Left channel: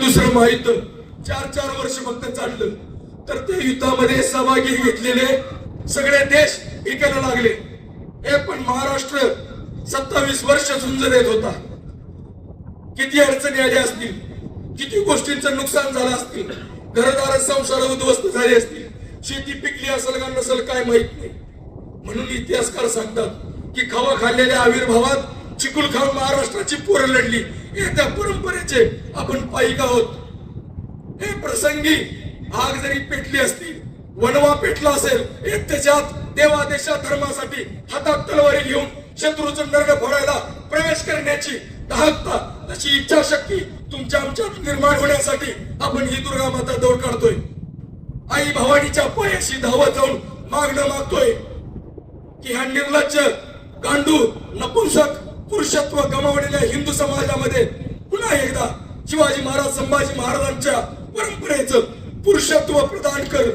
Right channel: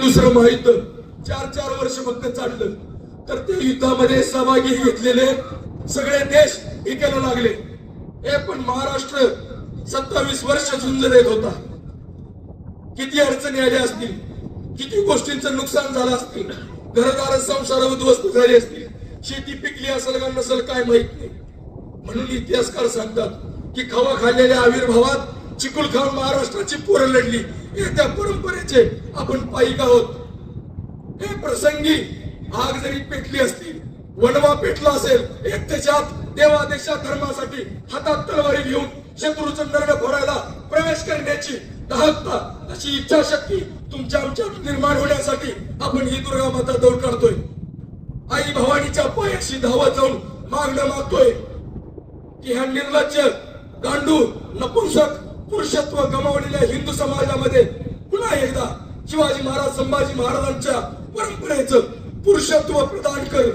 दुसरं महायुद्ध 4 वर्ष फक्त चाललं तर त्या युद्धामध्ये सहभागी घेतलेले सगळे देश एकाला लागले. हे पण महाराष्ट्र 27 वर्ष झुंज देत होता. किती अडचणी आल्या असतील, किती गोष्टींचं नुकसान झालं असतील, घरदार संसार उद्ध्वस्त झाले असतील, शेती पिकली असेल का नसेल काय माहित नाही. म्हणून इतिहासकार सांगतात की खवा खाल्लेल्या आविर्भावात चिकुल खाऊन महाराष्ट्राची पोरं लढली. हे त्या परंपरेचे आपण पायिक आहोत. हे प्रसंगी आग जरी पेटली असती, वनवा पेटला असेल, एक त्याच्यात देवा देशा धर्मासाठी हातात तलवारी घेऊन शत्रूचं नरड फोडायला प्रवेश करण्याची दाहकता, तशी इच्छाशक्ती तुमच्या आमच्यात निर्माण होण्यासाठी आपण ही दुर्गा माता दौड काढतोय. आई भवानीच्या पायाशी धावत जाऊन मागणं मागतोय की ह्या निर्लज्ज, गांडू, नपुंसक पुरुषत्व गमावलेल्या हिंदू समाजामध्ये पुन्हा एकदा शिवाजी महाराज, संभाजी महाराजांच्या परंपरेचं पुरुषत्व प्रदान कर.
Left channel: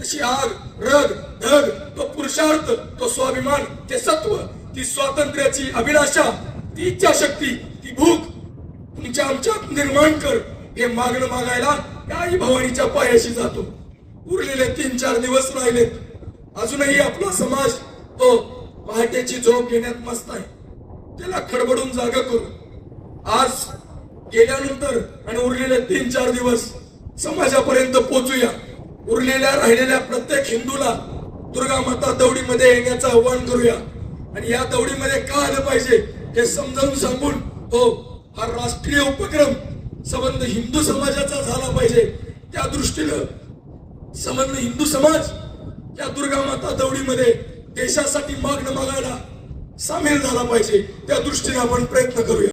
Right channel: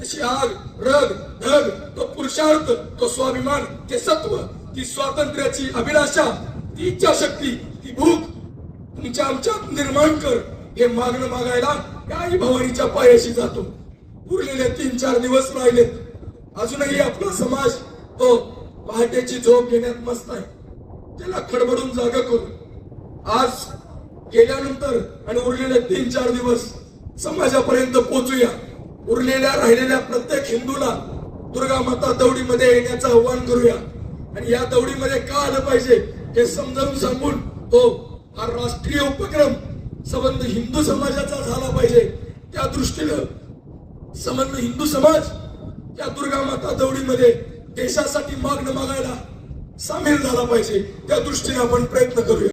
तशी आग, रग, धग, तो पुरुषार्थ, तो स्वाभिमान, ते सत्व, ती स्वातंत्र्याची अभिलाषा, ती इच्छाशक्ती, ती भूक तुमच्या आमच्यात निर्माण कर. हे मागणं मागायला या आई भवानीच्या पायाशी जातो. उरलेले 3-4 दिवस राहिलेत. अजूनही आपला समाज तो पहाटेची झोप घेण्यात मस्त आहे. त्याला खडबडून जागा करू. आज गेल्यानंतर आणि उरलेले 3-4 दिवस समाजापर्यंत पोहोचूया. उरलेल्या राहिलेल्या प्रत्येक हिंदूला दुर्गा माता दौडीमध्ये येण्याचं आव्हान करूया. आणि या दौडीमध्ये का आलं पाहिजे हे समजावून सांगून तो हा राष्ट्रीय उपक्रम संबंध हिंदू समाजाचा झाला पाहिजे. त्या दृष्टीनं संबंध हिंदू समाज या दुर्गा माता दौडीमध्ये देशासाठी मागणं मागायला सामील झाला पाहिजे. त्या दृष्टीने आपण प्रयत्न करूया.